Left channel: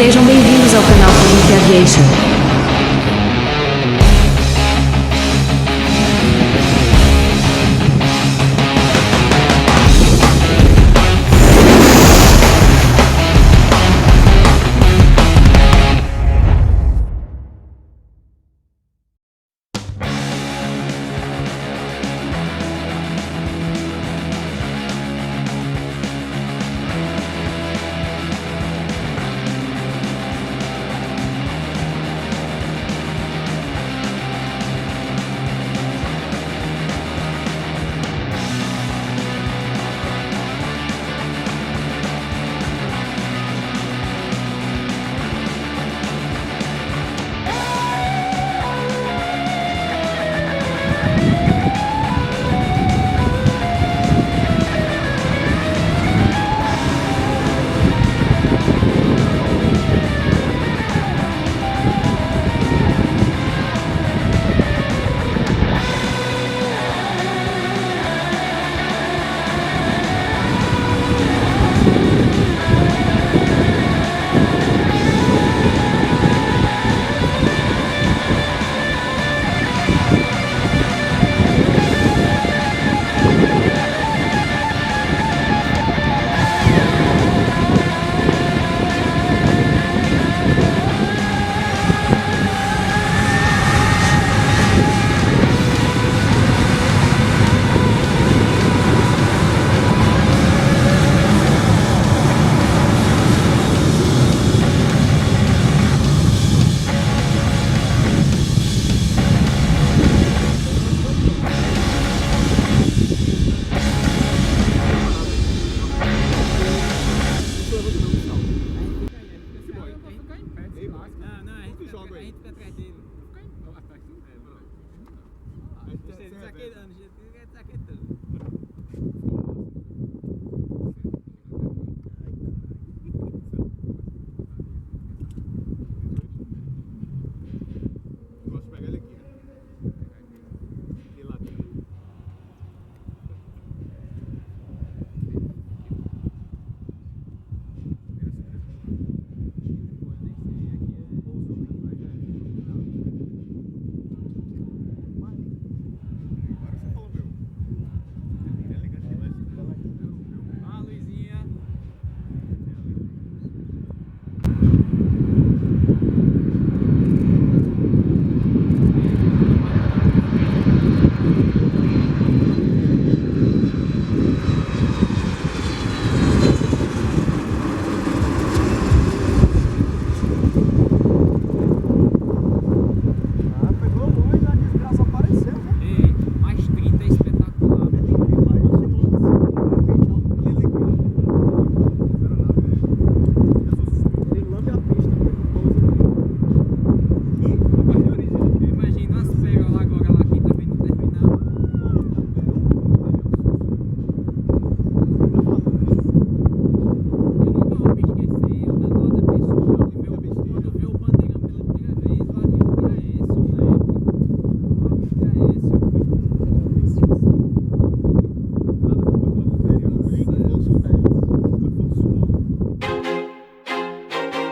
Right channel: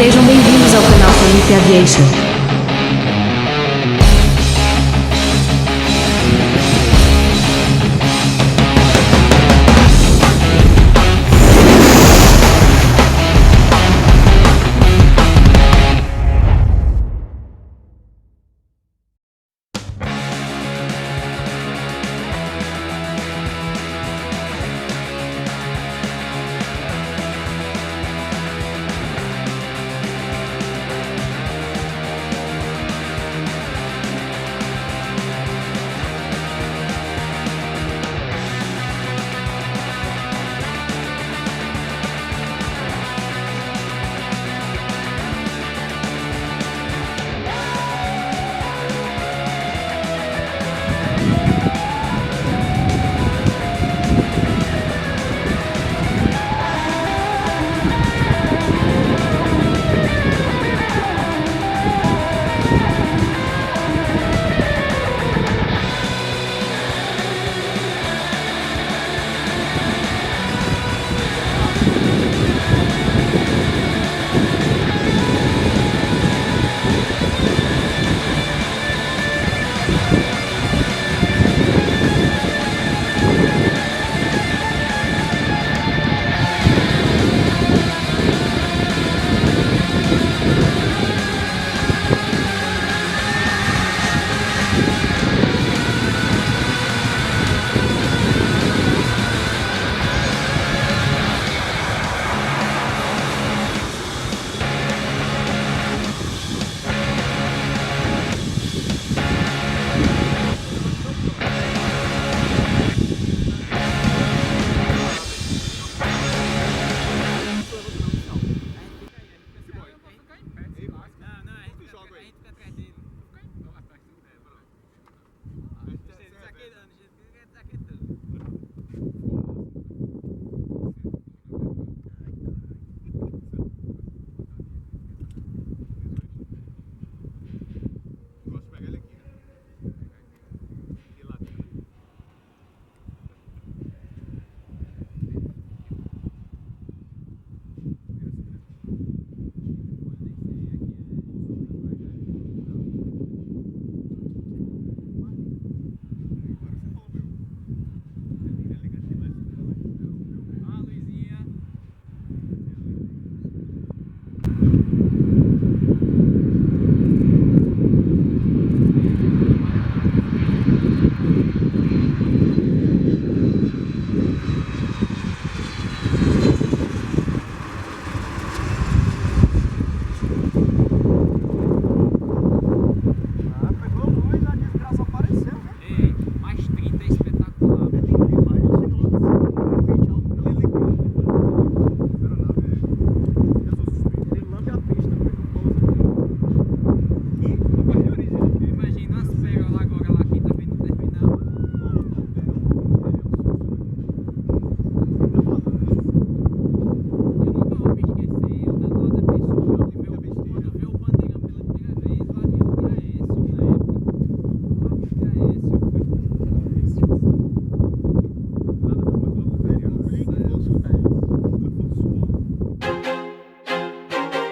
Sejam bem-vindos ao canal Pane Aviation.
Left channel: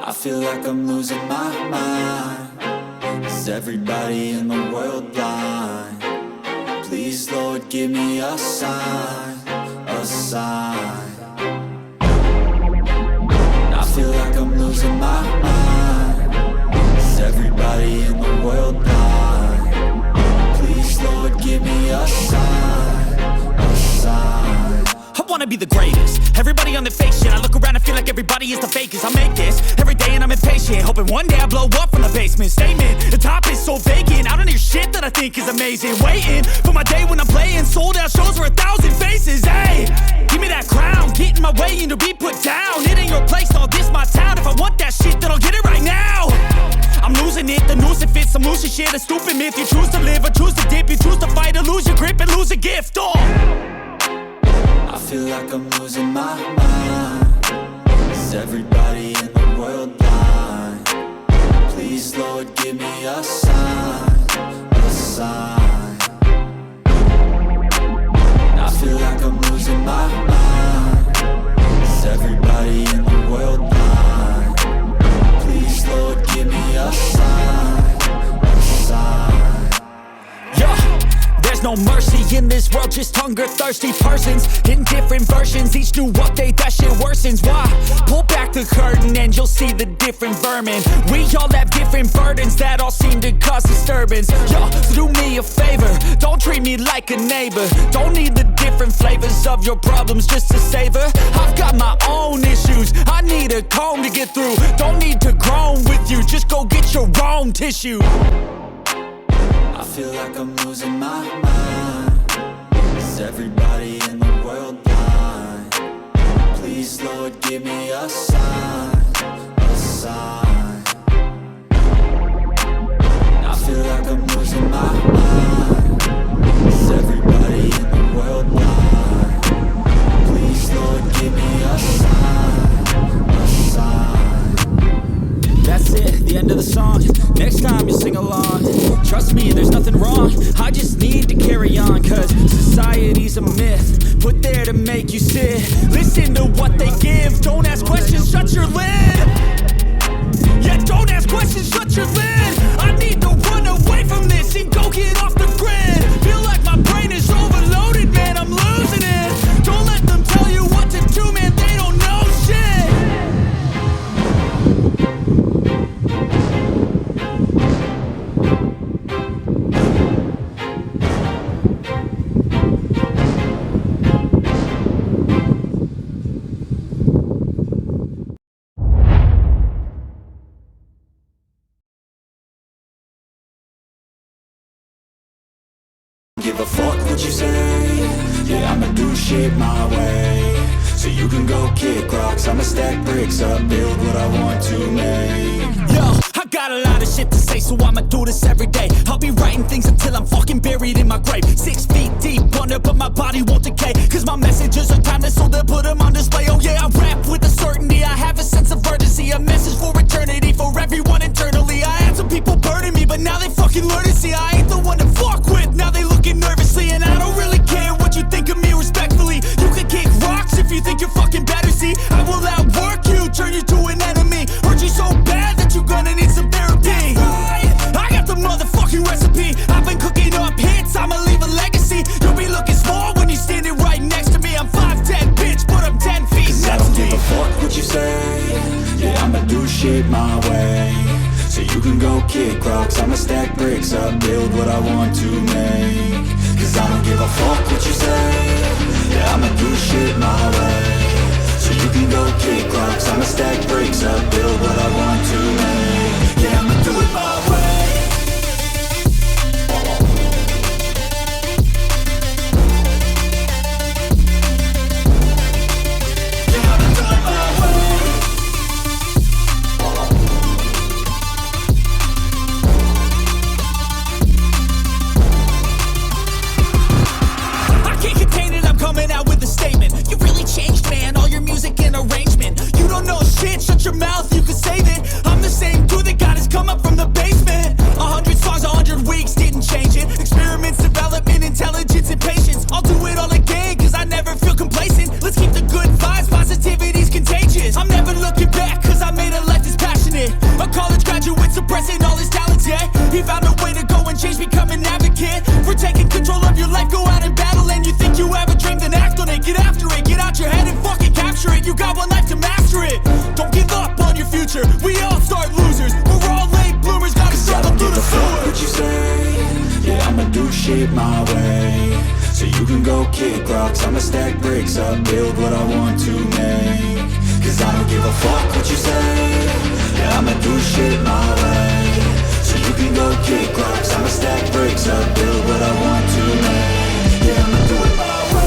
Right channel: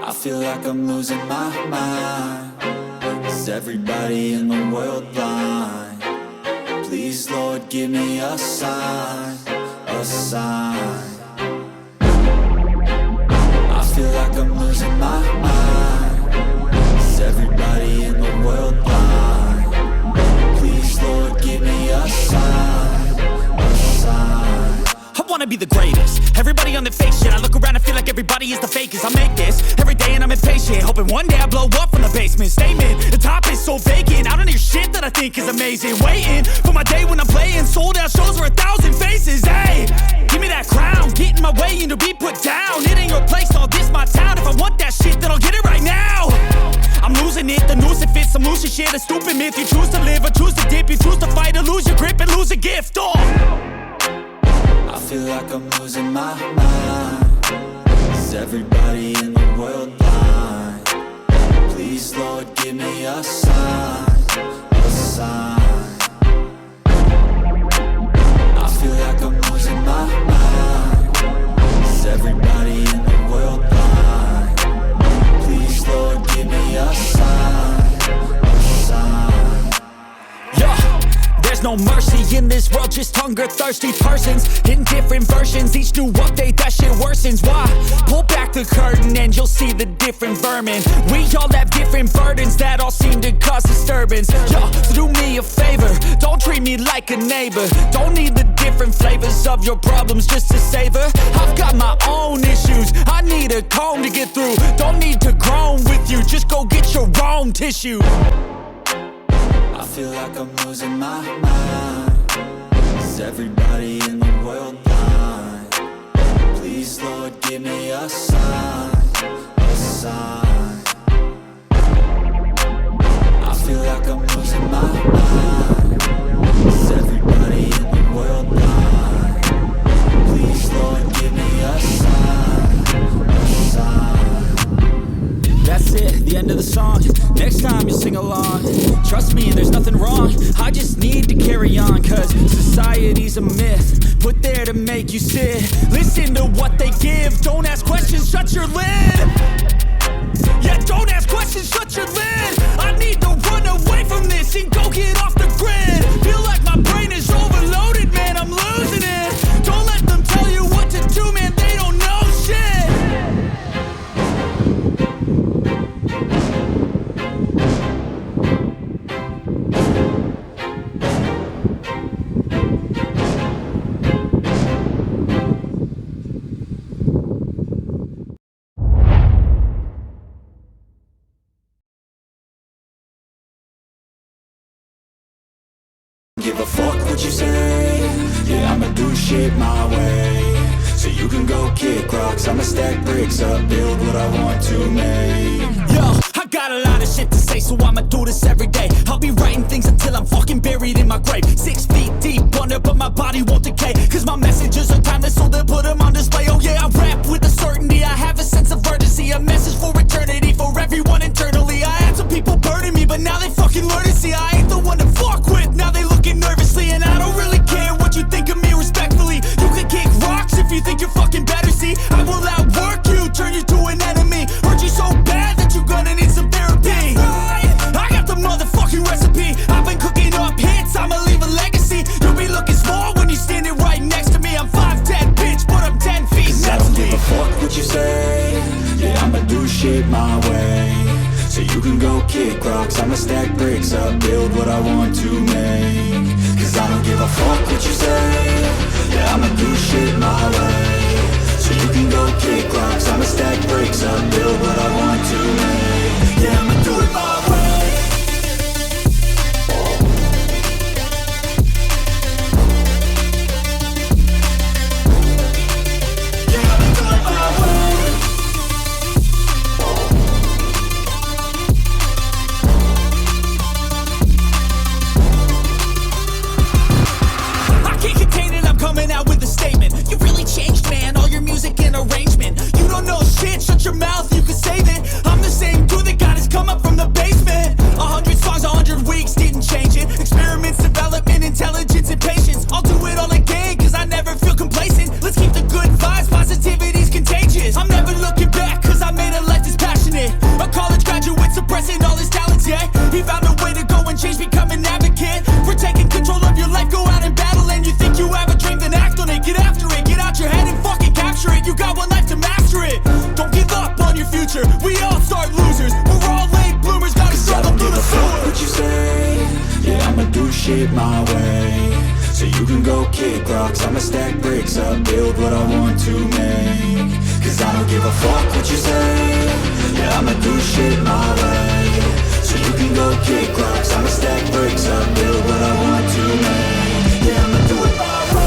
I feel like I'm losing my mind. Is everybody in the world blind? Please, Lord, give me a sign, a sign. I feel like I'm losing my mind. Is everybody in the world blind? Please, Lord, give me a sign, a sign. I wanna be the greatest. Everybody on the fake shit. I look around and feel like everybody is the fakest. I make this every day and I'm impatient, hoping one day I blow up from the basement. Statement, the top is so vacant. I don't hear shit that I think is amazing. Waiting for my day when I'm playing sold out shows for 1,000 faces. Hey, give me that crown, get in my way and to be put down. It ain't your place, all this my town. If I want that shit, then I'll get it right now. I'm losing it, the noose it fits. I'm losing shit, a stupid myth. You choose to live or choose to dip. You choose to fight or lose your grip and lose a gift. I feel like I'm losing my mind. Is everybody in the world blind? Please, Lord, give me a sign, a sign. I feel like I'm losing my mind. Is everybody in the world blind? no mercy in this world, just hunger-thirsty persons in different versions. Each new update, that shit worsens. Why? Pull back the curtain and you'll see the different vermin. We all have different burdens that all seem to cause disturbance. Yo, so do me a favor, don't treat me like a neighbor. Don't need the different flavors of your problems just to savor. I've got my own issues, I need a comb to get through. Don't need to groan with you, just go get your own tissue. I feel like I'm losing my mind. Is everybody in the world blind? Please, Lord, give me a sign, a sign. I feel like I'm losing my mind. Is everybody in the world blind? Please, Lord, give me a sign, a sign. That's it, the end of the song. Next time you'll sing along. Trust me, there's nothing wrong. I just need to carry on, cause society's a myth put there to make you sit. Listen to what they give. Don't ask questions, shut your lid. Yeah, don't ask questions, shut your lid. I need to run away from this and go get off the grid. Feel like my brain is overloaded, man, I'm losing it. Don't let them tell you what to do, man, they don't know shit. Give a fuck what you say. Yeah, I'ma do shit my way. So you can go kick rocks, I'ma stack bricks up, build what I want to make. Yo, I got a lot of shit to say, so I'ma do this every day. I'll be writing things until I'm fucking buried in my grave. 6 feet deep under, but my body won't decay. Cause my messages are timeless, so they'll put them on display. Oh yeah, I rap with a certainty, I have a sense of urgency. A message for eternity, for everyone internally. I had some people burning me, but now they fucking learn to see I ain't the one to fuck with. Now they looking nervously, and I don't really care what you think of me respectfully. You can kick rocks if you think you're fucking better, see. I will outwork you, turn you to an enemy. Hurt you so bad that you're gonna need some therapy. I got the motherfucking recipe. I've been cooking up hits, I'ma leave a legacy. You'll be looking small when you're standing right next to me. I'm 5'10", bitch, but I'm 10 feet. Cause I don't give a fuck what you say. Yeah, I'ma do shit my way. So you can go kick rocks, I'ma stack bricks up, build what I want to make. Cause I don't give a fuck what you say. Yeah, I'ma do shit my way. So you can go kick rocks, I'ma stack bricks up, build what I want to make. Yeah, I'ma do it my way. Music and arrangement. You don't know shit, shut your mouth, you can save it. I'm the same dude that got his come up from the basement. 100 songs, 100 weeks, didn't change it. Experiments, development, intelligence, and patience. I'll do it all again, cause I never feel complacent. Let's keep the good vibes, positivity's contagious. I'm never looking back, cause I made a life that's passionate. A college graduate suppressing all his talents, yeah. He found a way to go and change, become an advocate. For taking control of your life, go out and battle. And you think you have a dream, then act on it. Get after it, get out your head and fucking capture it. You got one life to master it. Don't give up on your future. We all start losers. We're all late bloomers. Gotta struggle through the sewer. What you say? Yeah, I'ma do shit my way. So you can go kick rocks, I'ma stack bricks up, build what I want to make. Cause I don't give a fuck what you say. Yeah, I'ma do shit my way. So you can go kick rocks, I'ma stack bricks up, build what I want to make. Yeah, I'ma do it my way.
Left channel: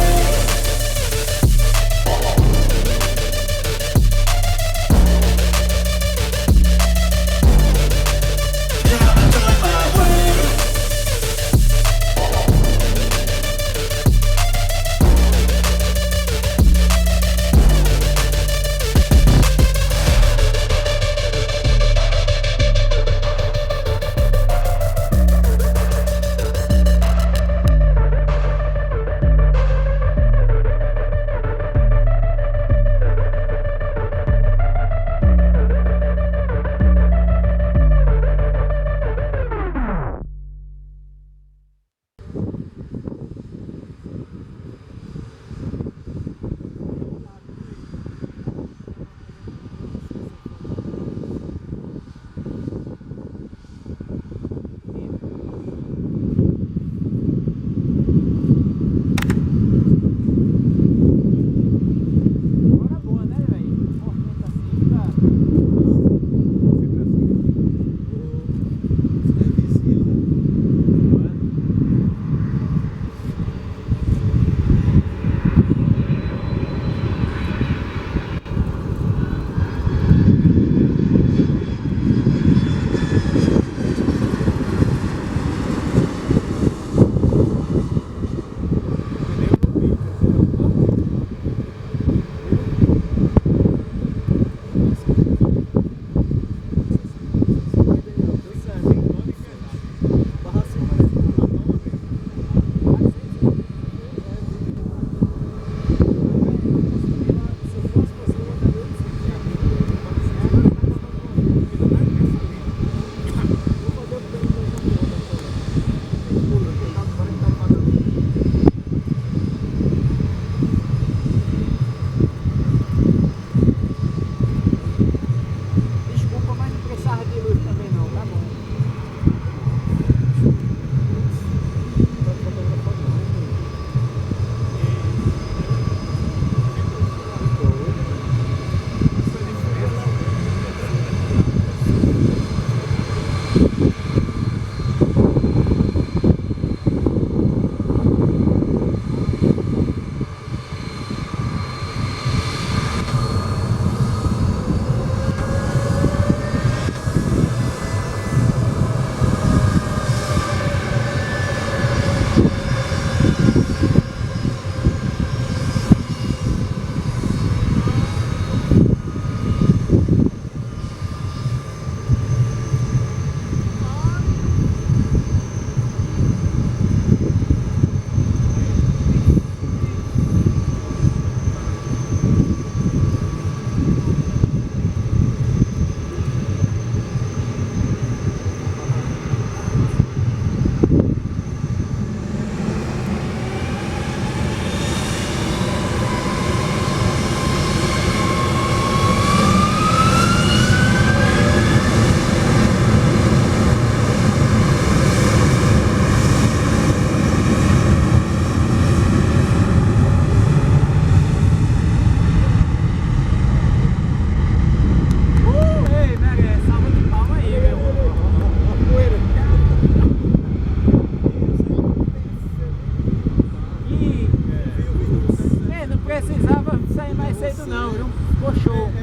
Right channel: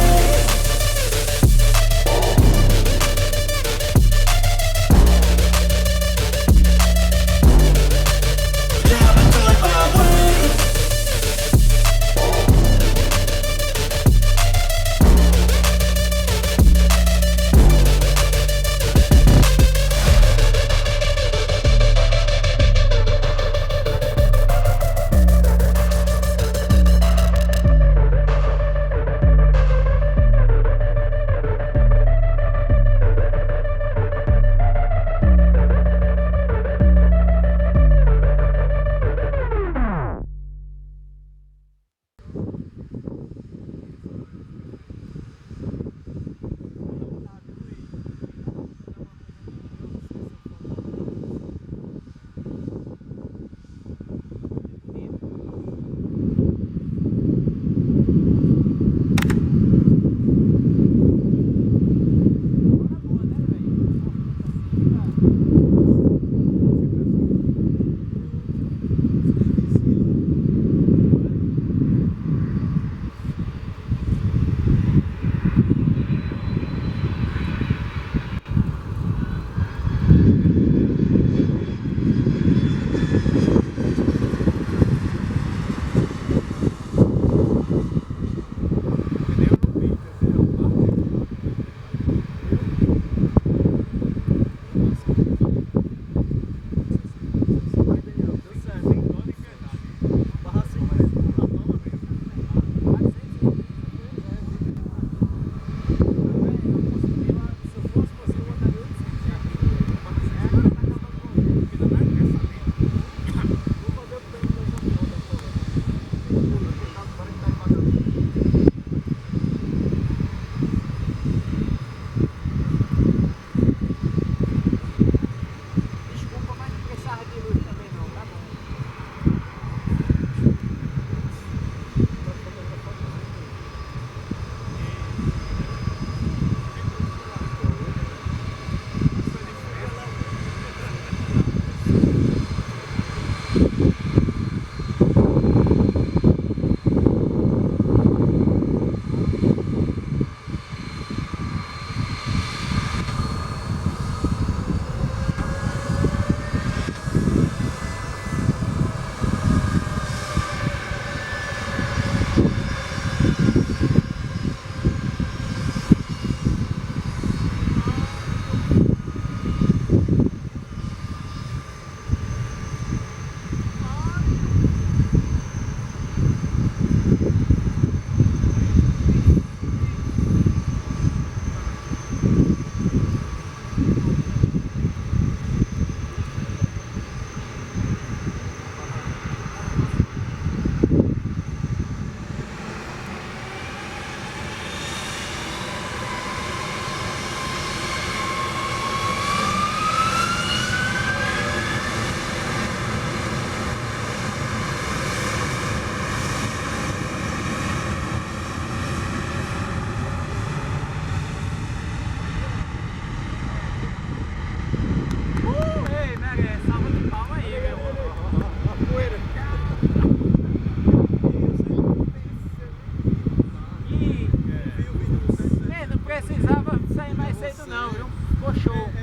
show.